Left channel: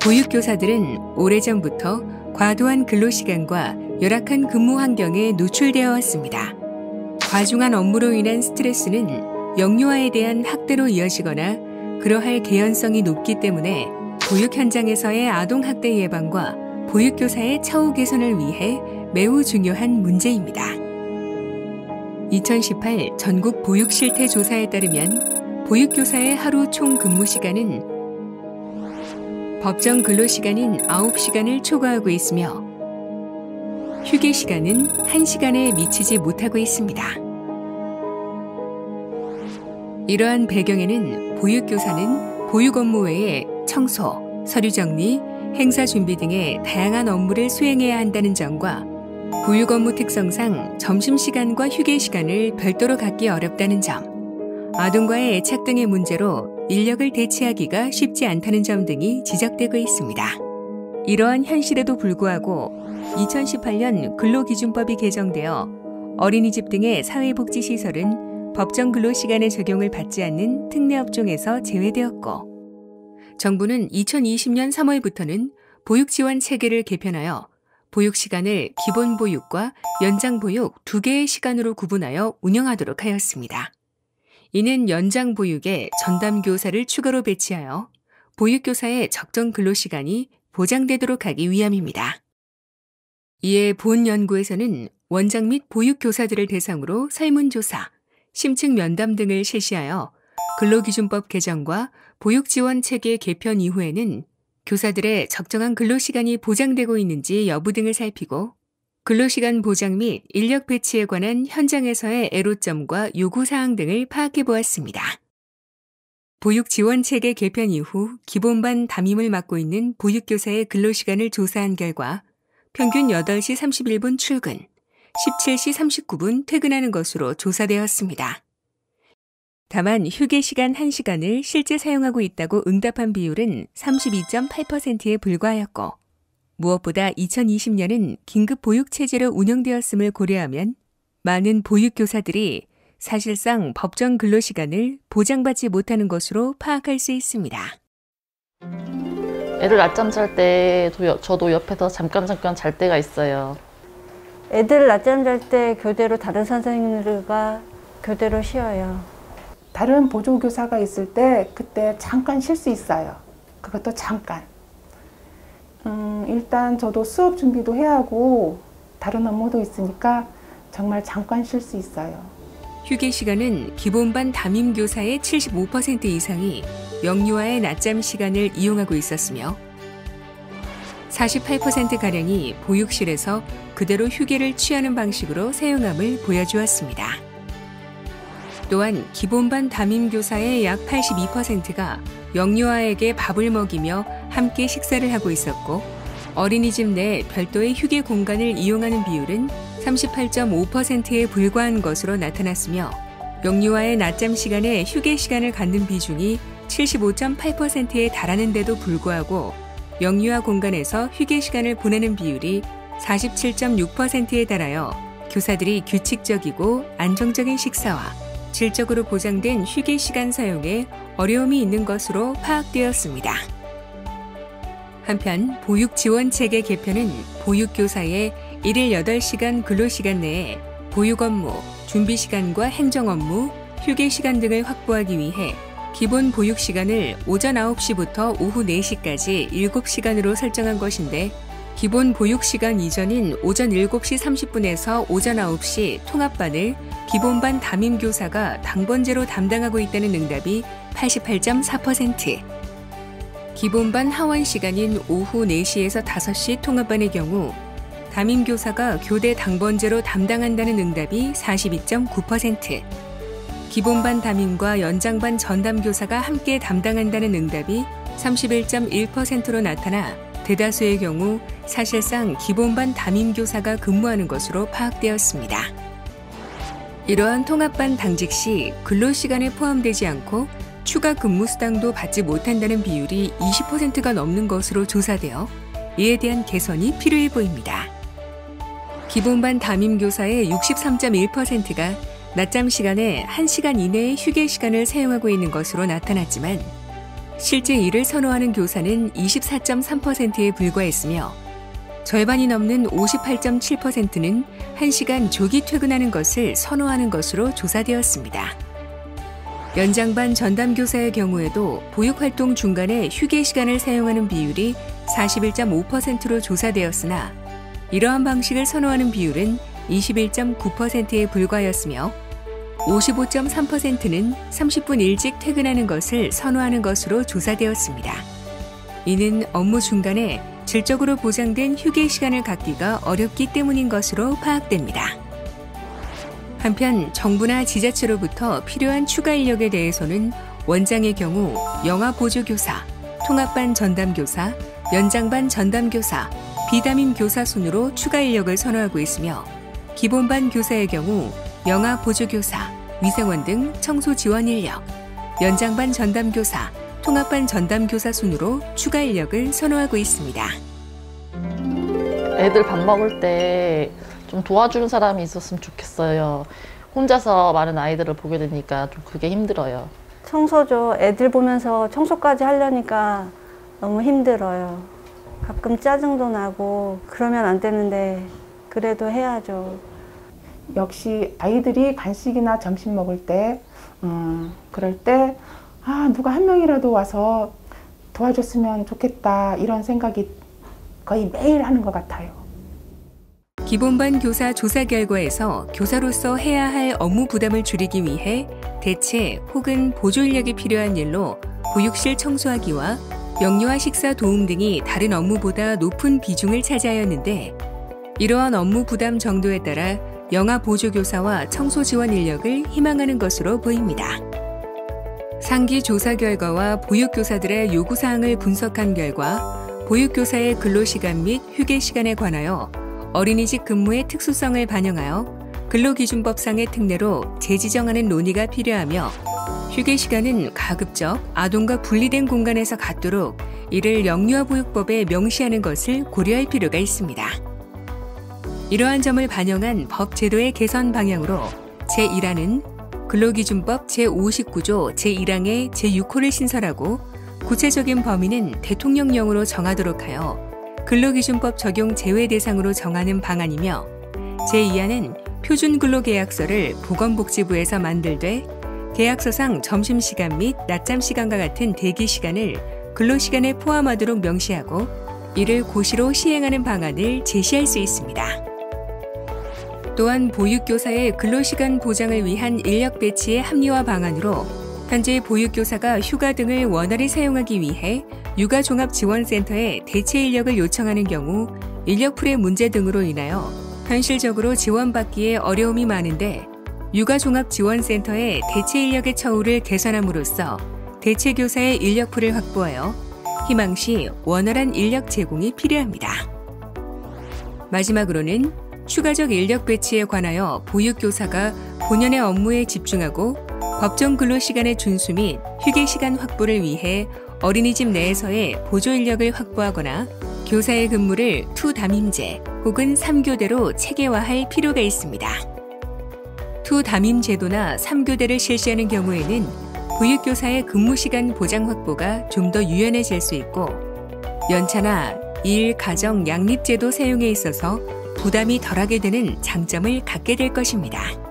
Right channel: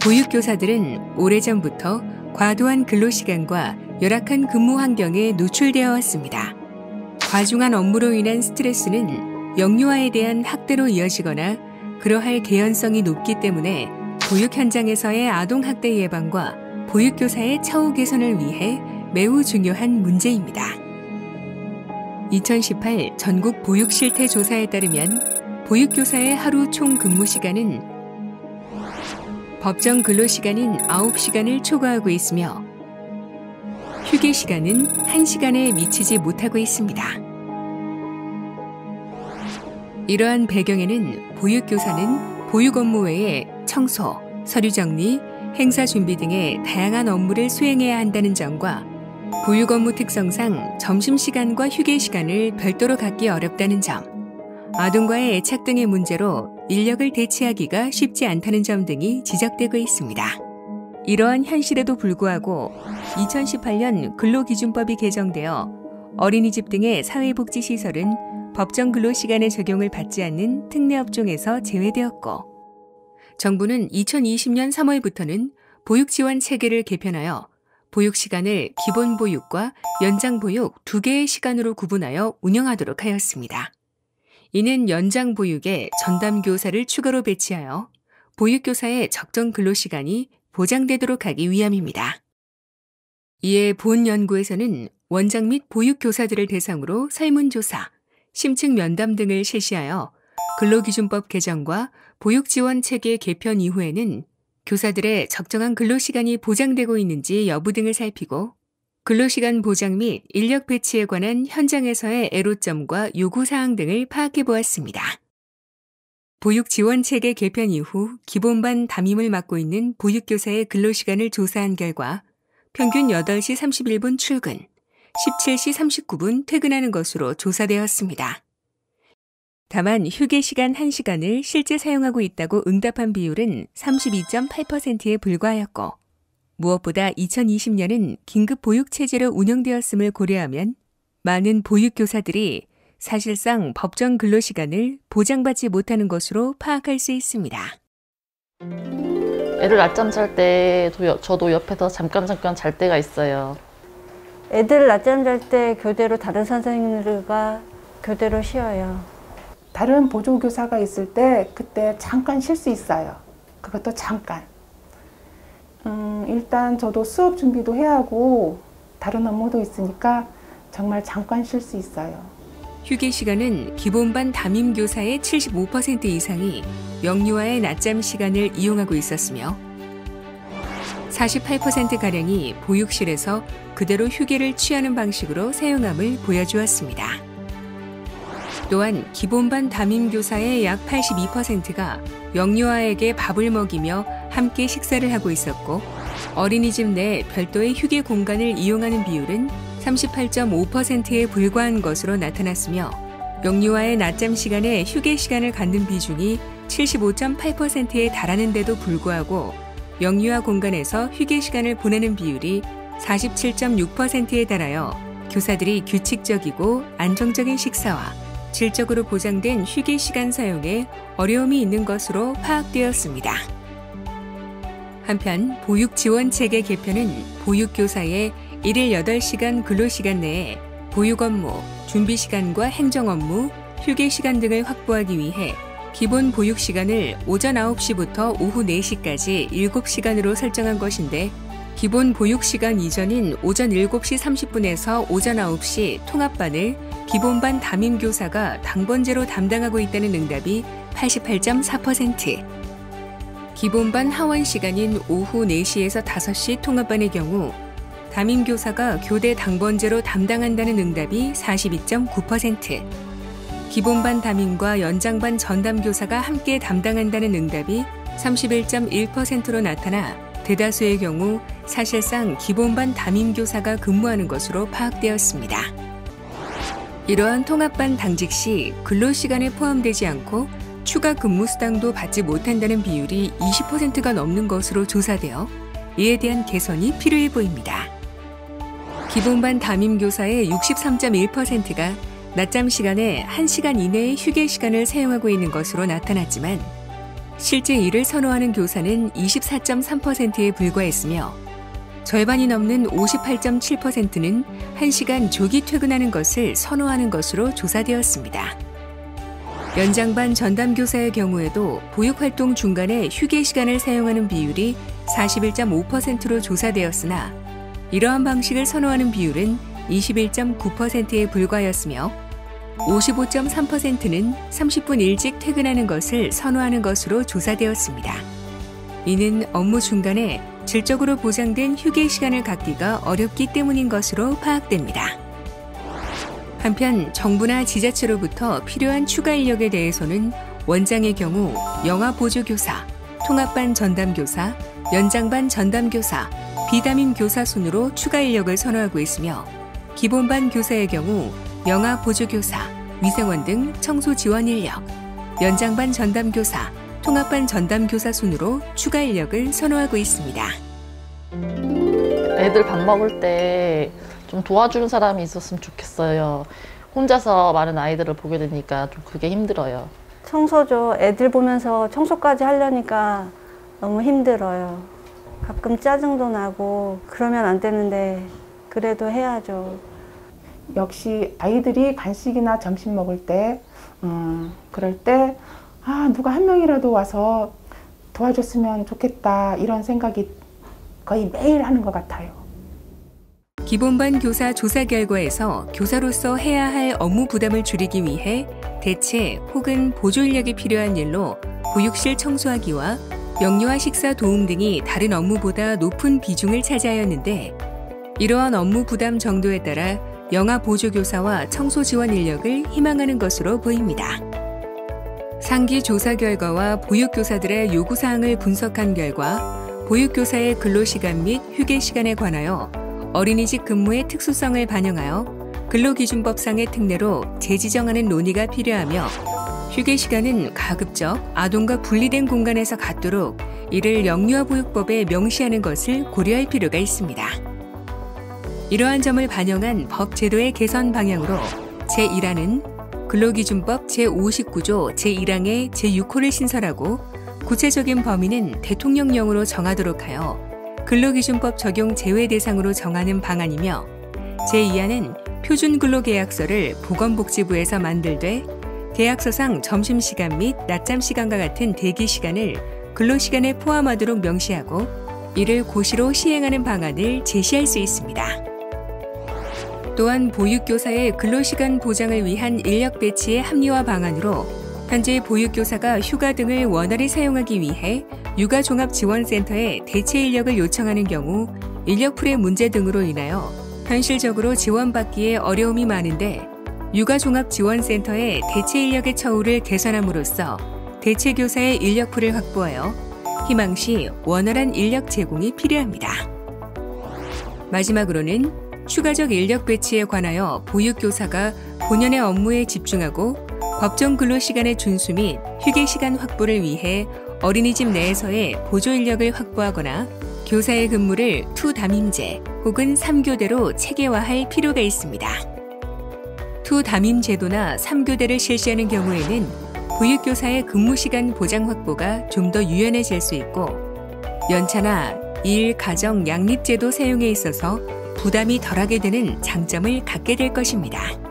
보육교사들은 오래전부터 과도한 근로시간과 열악한 근무 환경에 노출되어 왔습니다. 과중한 업무로 인한 스트레스는 영유아에 대한 학대로 이어지거나 그러할 개연성이 높기 때문에 보육 현장에서의 아동학대 예방과 보육교사의 처우 개선을 위해 매우 중요한 문제입니다. 2018 전국 보육실태조사에 따르면 보육교사의 하루 총 근무시간은 법정 근로시간인 9시간을 초과하고 있으며 휴게시간은 1시간에 미치지 못하고 있습니다. 이러한 배경에는 보육교사는 보육 업무 외에 청소, 서류 정리, 행사 준비 등의 다양한 업무를 수행해야 한다는 점과 보육 업무 특성상 점심시간과 휴게시간을 별도로 갖기 어렵다는 점, 아동과의 애착 등의 문제로 인력을 대체하기가 쉽지 않다는 점 등이 지적되고 있습니다. 이러한 현실에도 불구하고 2018년 근로기준법이 개정되어 어린이집 등의 사회복지시설은 법정 근로시간의 적용을 받지 않는 특례업종에서 제외되었고, 정부는 2020년 3월부터는 보육지원 체계를 개편하여 보육시간을 기본보육과 연장보육 2개의 시간으로 구분하여 운영하도록 하였습니다. 이는 연장보육에 전담교사를 추가로 배치하여 보육교사의 적정 근로시간이 보장되도록 하기 위함입니다. 이에 본 연구에서는 원장 및 보육교사들을 대상으로 설문조사, 심층 면담 등을 실시하여 근로기준법 개정과 보육지원체계 개편 이후에는 교사들의 적정한 근로시간이 보장되고 있는지 여부 등을 살피고 근로시간 보장 및 인력 배치에 관한 현장에서의 애로점과 요구사항 등을 파악해 보았습니다. 보육지원체계 개편 이후 기본반 담임을 맡고 있는 보육교사의 근로시간을 조사한 결과 평균 8시 31분 출근, 17시 39분 퇴근하는 것으로 조사되었습니다. 다만 휴게시간 1시간을 실제 사용하고 있다고 응답한 비율은 32.8%에 불과하였고, 무엇보다 2020년은 긴급 보육체제로 운영되었음을 고려하면 많은 보육교사들이 사실상 법정 근로시간을 보장받지 못하는 것으로 파악할 수 있습니다. 휴게시간은 기본반 담임교사의 75% 이상이 영유아의 낮잠 시간을 이용하고 있었으며 48%가량이 보육실에서 그대로 휴게를 취하는 방식으로 사용함을 보여주었습니다. 또한 기본반 담임교사의 약 82%가 영유아에게 밥을 먹이며 함께 식사를 하고 있었고, 어린이집 내 별도의 휴게 공간을 이용하는 비율은 38.5%에 불과한 것으로 나타났으며, 영유아의 낮잠 시간에 휴게 시간을 갖는 비중이 75.8%에 달하는데도 불구하고 영유아 공간에서 휴게 시간을 보내는 비율이 47.6%에 달하여 교사들이 규칙적이고 안정적인 식사와 질적으로 보장된 휴게 시간 사용에 어려움이 있는 것으로 파악되었습니다. 한편 보육지원체계 개편은 보육교사의 일일 8시간 근로시간 내에 보육 업무, 준비시간과 행정업무, 휴게시간 등을 확보하기 위해 기본 보육시간을 오전 9시부터 오후 4시까지 7시간으로 설정한 것인데, 기본 보육시간 이전인 오전 7시 30분에서 오전 9시 통합반을 기본반 담임교사가 당번제로 담당하고 있다는 응답이 88.4%, 기본반 하원 시간인 오후 4시에서 5시 통합반의 경우 담임교사가 교대 당번제로 담당한다는 응답이 42.9%, 기본반 담임과 연장반 전담교사가 함께 담당한다는 응답이 31.1%로 나타나 대다수의 경우 사실상 기본반 담임교사가 근무하는 것으로 파악되었습니다. 이러한 통합반 당직 시 근로시간에 포함되지 않고 추가 근무수당도 받지 못한다는 비율이 20%가 넘는 것으로 조사되어 이에 대한 개선이 필요해 보입니다. 기본반 담임교사의 63.1%가 낮잠 시간에 1시간 이내의 휴게 시간을 사용하고 있는 것으로 나타났지만 실제 이를 선호하는 교사는 24.3%에 불과했으며 절반이 넘는 58.7%는 1시간 조기 퇴근하는 것을 선호하는 것으로 조사되었습니다. 연장반 전담교사의 경우에도 보육활동 중간에 휴게 시간을 사용하는 비율이 41.5%로 조사되었으나 이러한 방식을 선호하는 비율은 21.9%에 불과하였으며 55.3%는 30분 일찍 퇴근하는 것을 선호하는 것으로 조사되었습니다. 이는 업무 중간에 질적으로 보장된 휴게 시간을 갖기가 어렵기 때문인 것으로 파악됩니다. 한편 정부나 지자체로부터 필요한 추가 인력에 대해서는 원장의 경우 영아 보조교사, 통합반 전담교사, 연장반 전담교사, 비담임 교사 순으로 추가 인력을 선호하고 있으며 기본반 교사의 경우 영아 보조교사, 위생원 등 청소 지원 인력, 연장반 전담교사, 통합반 전담교사 순으로 추가 인력을 선호하고 있습니다. 기본반 교사 조사 결과에서 교사로서 해야 할 업무 부담을 줄이기 위해 대체 혹은 보조 인력이 필요한 일로 보육실 청소하기와 명료와 식사 도움 등이 다른 업무보다 높은 비중을 차지하였는데 이러한 업무 부담 정도에 따라 영아 보조교사와 청소 지원 인력을 희망하는 것으로 보입니다. 상기 조사 결과와 보육교사들의 요구사항을 분석한 결과 보육교사의 근로시간 및 휴게시간에 관하여 어린이집 근무의 특수성을 반영하여 근로기준법상의 특례로 재지정하는 논의가 필요하며 휴게시간은 가급적 아동과 분리된 공간에서 갖도록 이를 영유아보육법에 명시하는 것을 고려할 필요가 있습니다. 이러한 점을 반영한 법 제도의 개선 방향으로 제1항은 근로기준법 제59조 제1항의 제6호를 신설하고 구체적인 범위는 대통령령으로 정하도록 하여 근로기준법 적용 제외 대상으로 정하는 방안이며 제2항은 표준근로계약서를 보건복지부에서 만들되 계약서상 점심시간 및 낮잠시간과 같은 대기시간을 근로시간에 포함하도록 명시하고 이를 고시로 시행하는 방안을 제시할 수 있습니다. 또한 보육교사의 근로시간 보장을 위한 인력 배치의 합리화 방안으로 현재 보육교사가 휴가 등을 원활히 사용하기 위해 육아종합지원센터에 대체 인력을 요청하는 경우 인력풀의 문제 등으로 인하여 현실적으로 지원받기에 어려움이 많은데 육아종합지원센터의 대체 인력의 처우를 개선함으로써 대체 교사의 인력풀을 확보하여 희망시 원활한 인력 제공이 필요합니다. 마지막으로는 추가적 인력 배치에 관하여 보육교사가 본연의 업무에 집중하고 법정 근로시간의 준수 및 휴게시간 확보를 위해 어린이집 내에서의 보조 인력을 확보하거나 교사의 근무를 투담임제 혹은 3교대로 체계화할 필요가 있습니다. 투담임 제도나 3교대를 실시하는 경우에는 보육교사의 근무시간 보장 확보가 좀 더 유연해질 수 있고 연차나 일, 가정, 양립제도 사용에 있어서 부담이 덜하게 되는 장점을 갖게 될 것입니다.